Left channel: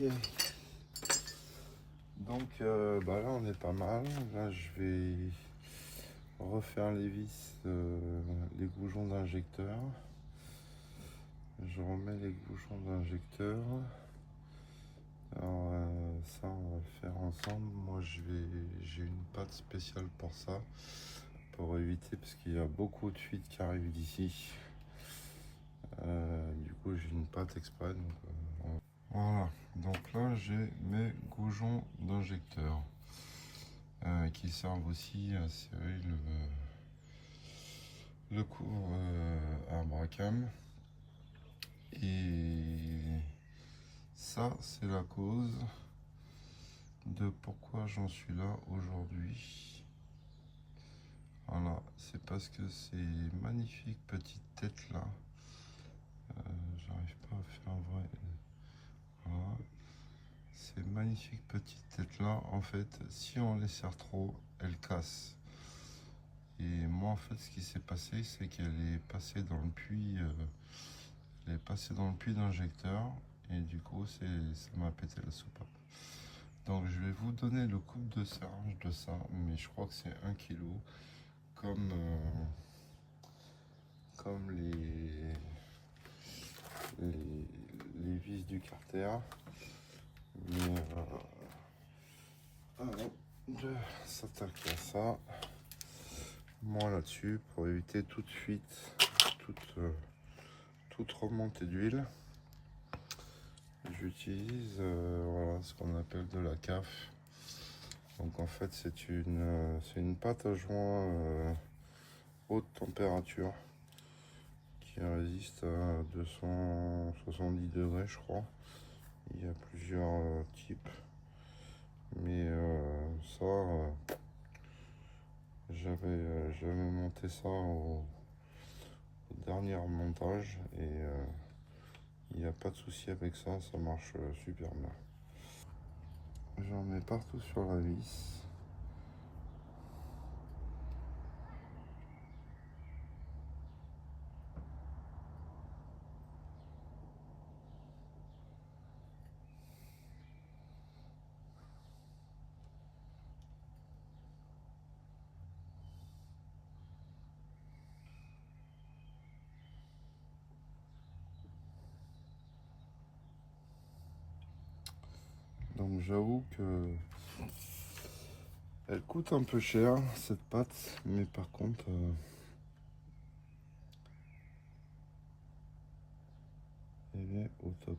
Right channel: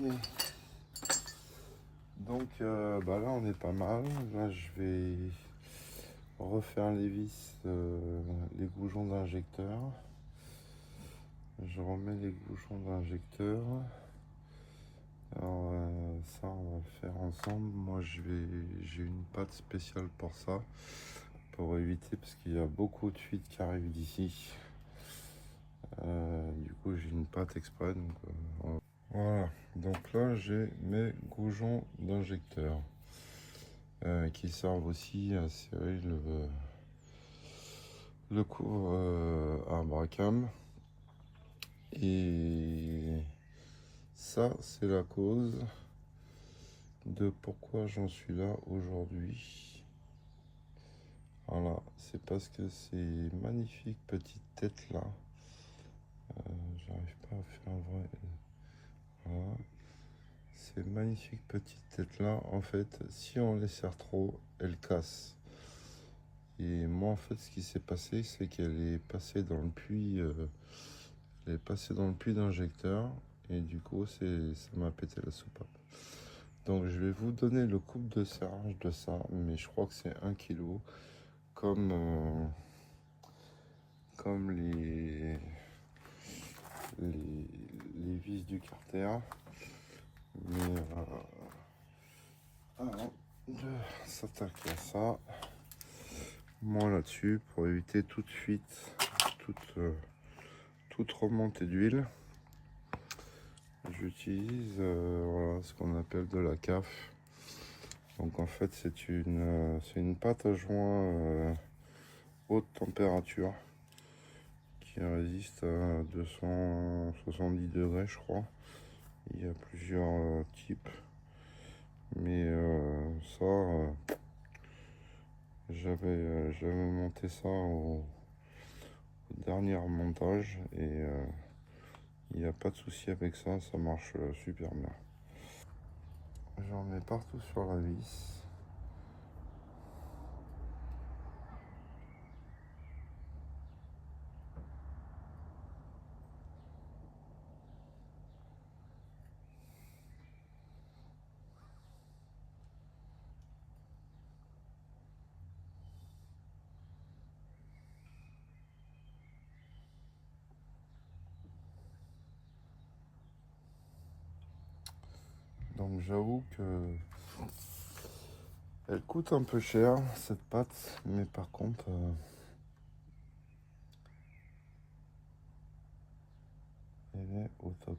Donc là on est pas mal. Là je vais refaire les vis, les goujons d'injecteur. Je remets les goujons d'injecteur. Alors ça on va le faire ensemble. Moi j'ai une pâte spéciale pour ça, pour éviter, parce qu'il y a beaucoup de fuites qui arrivent d'ici. Du coup j'ai une pâte exprès. Donc, voilà, donc là j'ai mes goujons d'injecteur qui servent aussi à serrer le cours à Bracam. Et ça c'est la cause de pourquoi j'en suis là aujourd'hui. Voilà, c'est parce que ces magnifiques petites têtes là, j'arrive pas à faire un vrai. Voilà. Ces magnifiques petites têtes là, en fait, si on les serre trop, elles cassent. Et moi, en fait, ce qui s'est passé, c'est qu'elle est passée dans le puits, elle est passée dans le puits d'injecteur, et du coup, ça m'a pété la soupape. Donc, je vais vous donner le coupe de serrage de ça, mais je crois que c'est 1 kg, comme les vis du carter. Mais avant de s'attaquer à ça, moi là-dessus, pour éviter toute fuite, toute remontée d'huile, j'utilise voilà, ce qu'on appelle de la CAF. Donc en fait c'est une pâte à joint haute température qui résiste à 270 degrés je crois. Il y a plusieurs types, mais ça j'avais monté ça au dernier montage et il n'y a pas de souci avec ça, ça marche super bien. J'en mets partout sur la vis. Donc j'avoue que elle coûte un peu cher cette pâte, mais par contre elle est au top.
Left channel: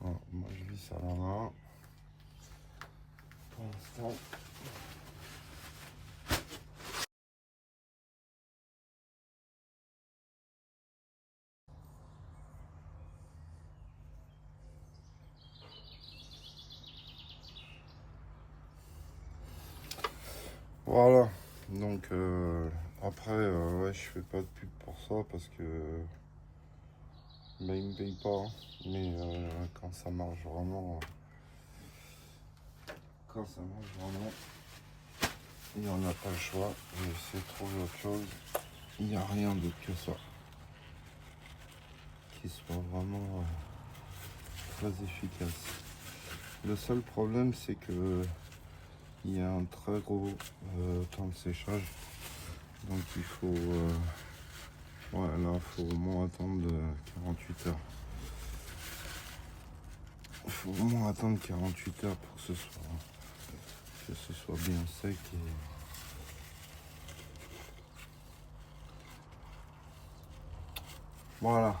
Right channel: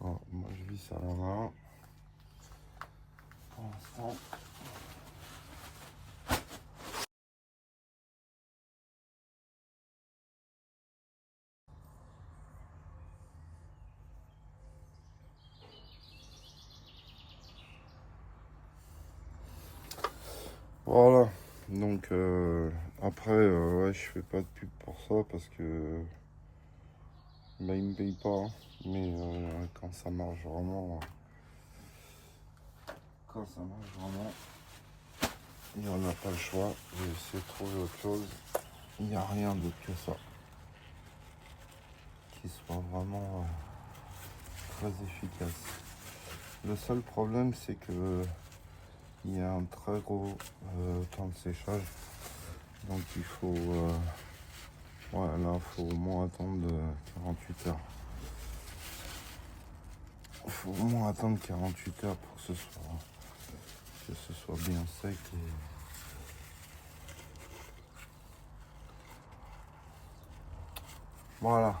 Bon, moi je vis ça à la main pour l'instant. Voilà, donc après ouais, je fais pas de pub pour ça parce que bah, ils me payent pas, hein. Mais quand ça marche vraiment, il n'y en a pas le choix. J'ai essayé de trouver autre chose. Il n'y a rien d'autre que ça qui soit vraiment très efficace. Le seul problème c'est que il y a un très gros temps de séchage, donc il faut ouais, là faut au moins attendre 48 heures. Il faut au moins attendre 48 heures pour que ce soit bien sec et voilà,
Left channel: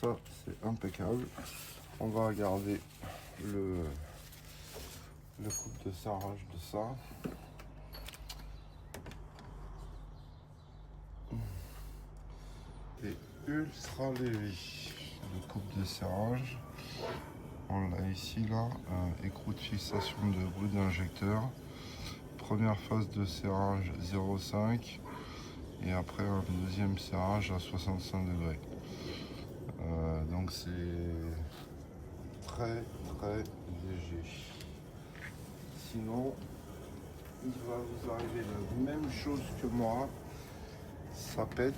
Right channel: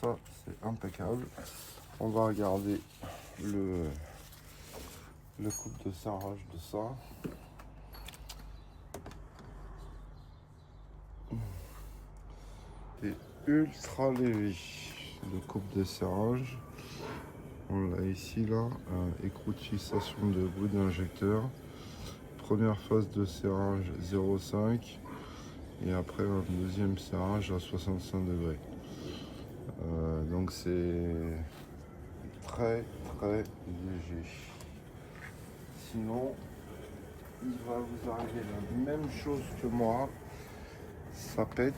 ça c'est impeccable. On va regarder le coupe de serrage de ça. C'est ultra léger. Le coupe de serrage. On l'a ici là, écrou de fixation de bout d'injecteur. Première phase de serrage 0,5 et après un deuxième serrage à 65 degrés. Donc c'est très léger. Sinon, il va vous arriver la même chose que moi. Ça pète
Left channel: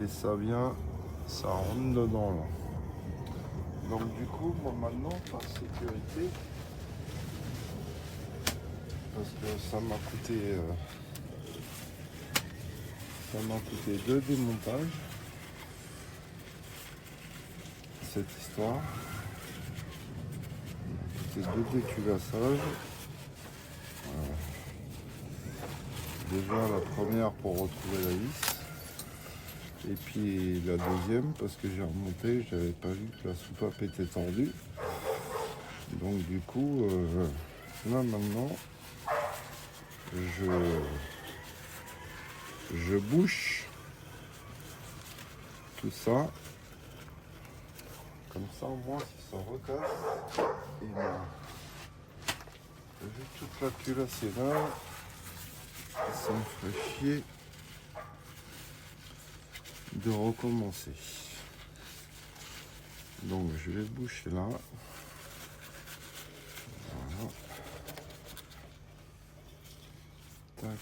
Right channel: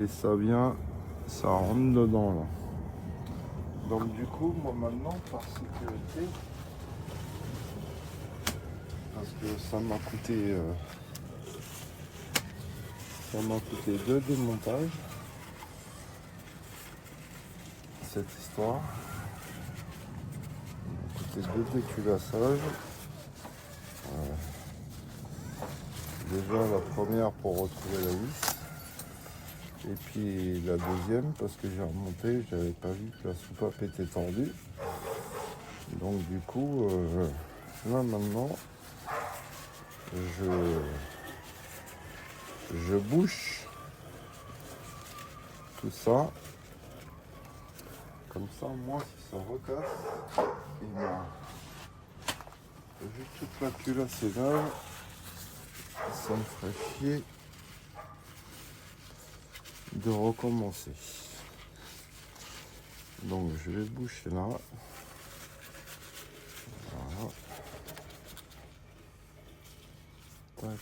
et ça vient, ça rentre dedans là. Donc du coup, moi maintenant, par sécurité, parce que ça m'a coûté 2 démontages, cette histoire. Ça m'a coûté 2 déculassages. Déjà la première pour retrouver la vis. Et puis la deuxième parce que j'ai remonté, j'avais pas vu que la soupape était tendue. Donc du coup, là maintenant, je bouche tout ça. Comme ça, moi, si ça recasse, et ben, vu toute la culasse est là, ça me ferait chier de recommencer. Donc je vais boucher là. Voilà. Tac.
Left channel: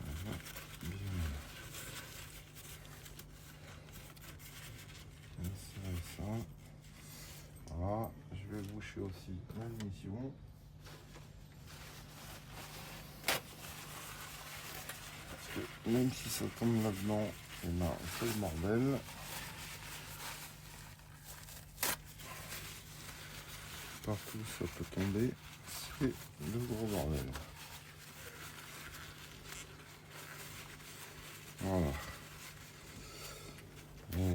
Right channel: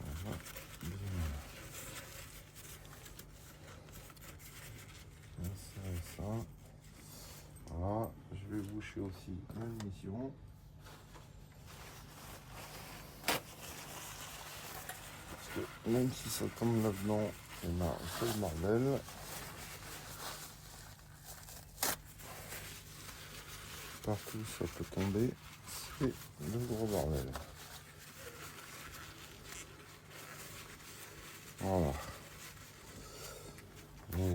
Voilà. Bien. Et ça et ça. Voilà. Je vais boucher aussi la mission. Parce que même si ça tombe là-dedans, et ben c'est le bordel. Partout ça peut tomber, c'est le gros bordel. Voilà. Mais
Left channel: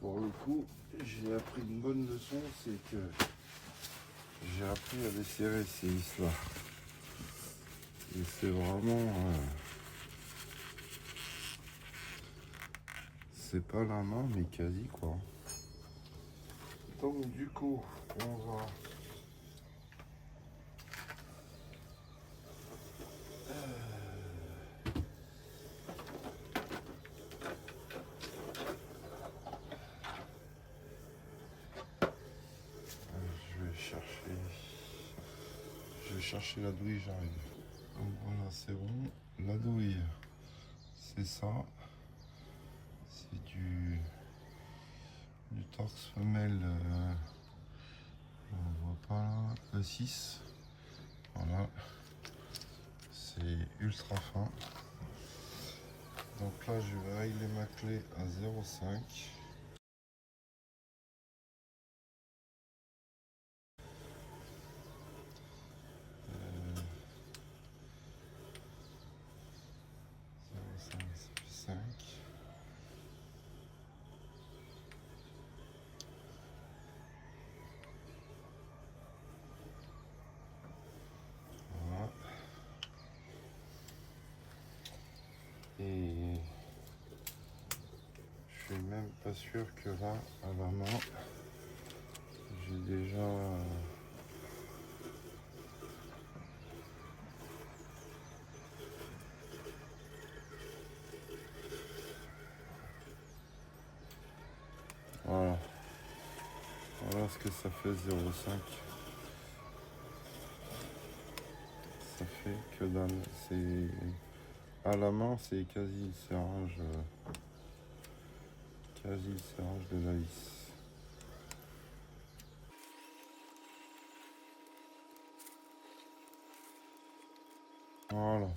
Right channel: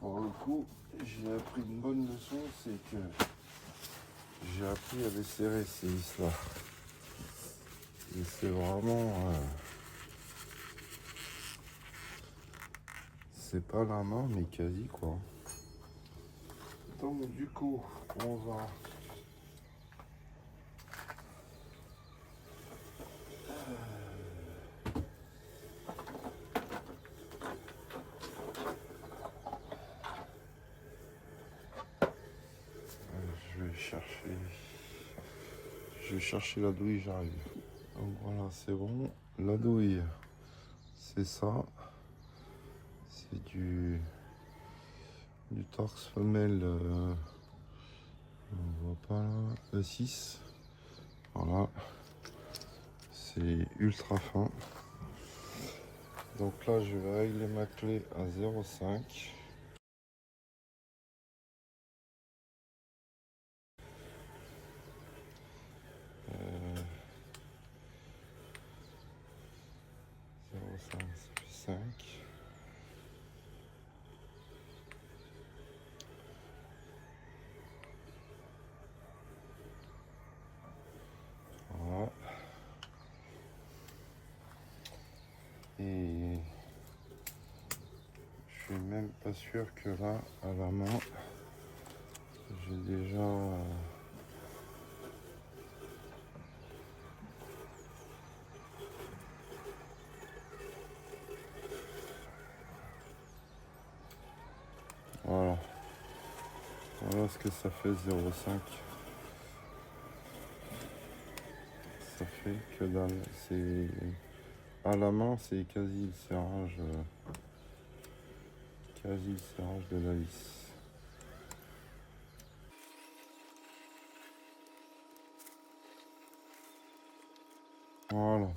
pour le coup, j'ai appris une bonne leçon, c'est que j'ai appris à les serrer ces vis-là. Et c'est vraiment... c'est pas la main, mais quasi quoi. Donc du coup, on va... Je vais chercher la douille, j'arrive. Donc voilà, c'est bon. La douille, c'est ça. C'est du torse femelle. On voit pas là. Le 6. Voilà. C'est ultra fin. Donc là, je vais régler ma clé à 0,5. Ça fait 5. Voilà. Et je suis même pas sûr que là, à la main, j'ai déjà... Voilà. Voilà ce que ça fait 0,5. Ça fait que dalle. C'est à la main, c'est quasi le serrage de la vis. Voilà.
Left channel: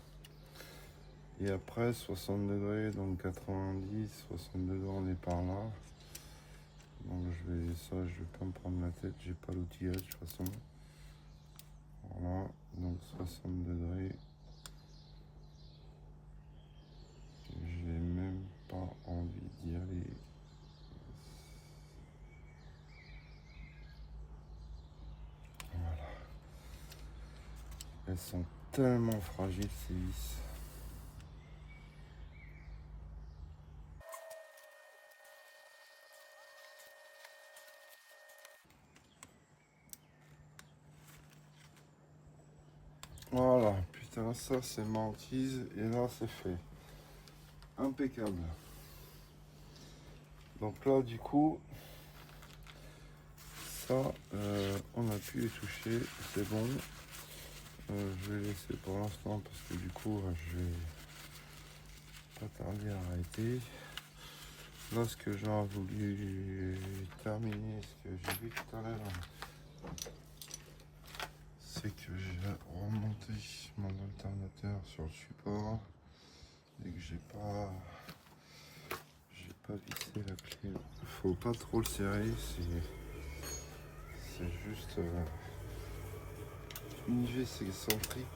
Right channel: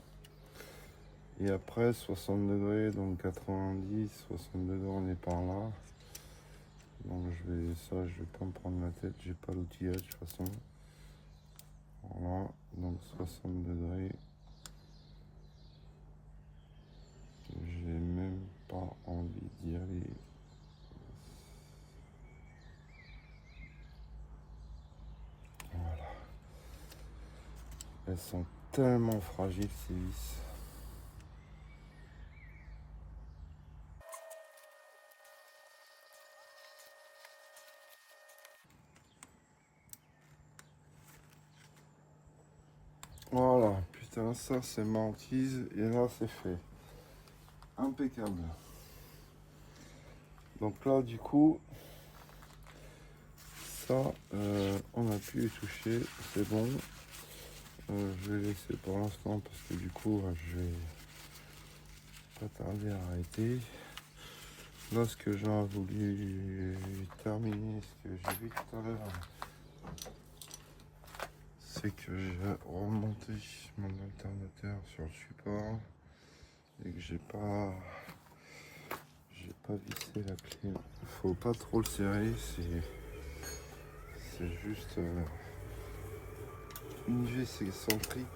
Et après 60 degrés, donc 90, 60 degrés, on est par là. Donc je vais pas me prendre la tête, j'ai pas l'outillage de toute façon. Voilà, donc 60 degrés. J'ai même pas envie d'y aller. elles sont tellement fragiles ces vis. Voilà, putain, ça c'est ma hantise et là c'est fait. Impeccable. Donc là, du coup, ça, on a pu les toucher, c'est bon. Je vais laisser pour l'instant parce que du coup, je vais pas tarder à arrêter. Là, ce que j'ai voulu terminer, ce que j'ai vu tout à l'heure, c'est que j'ai remonté mon alternateur sur le support et que j'ai pas vissé la clé. Faut pas trop le serrer, c'est juste une vis excentrique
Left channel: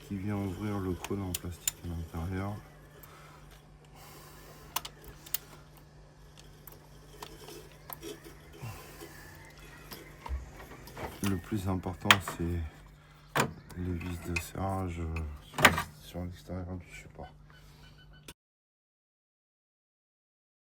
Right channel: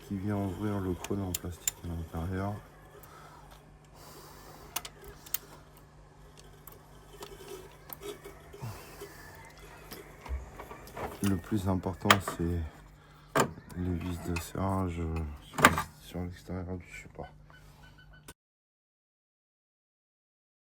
qui vient ouvrir le cône en plastique à l'intérieur. Le plus important, c'est les vis de serrage sur l'extérieur du support.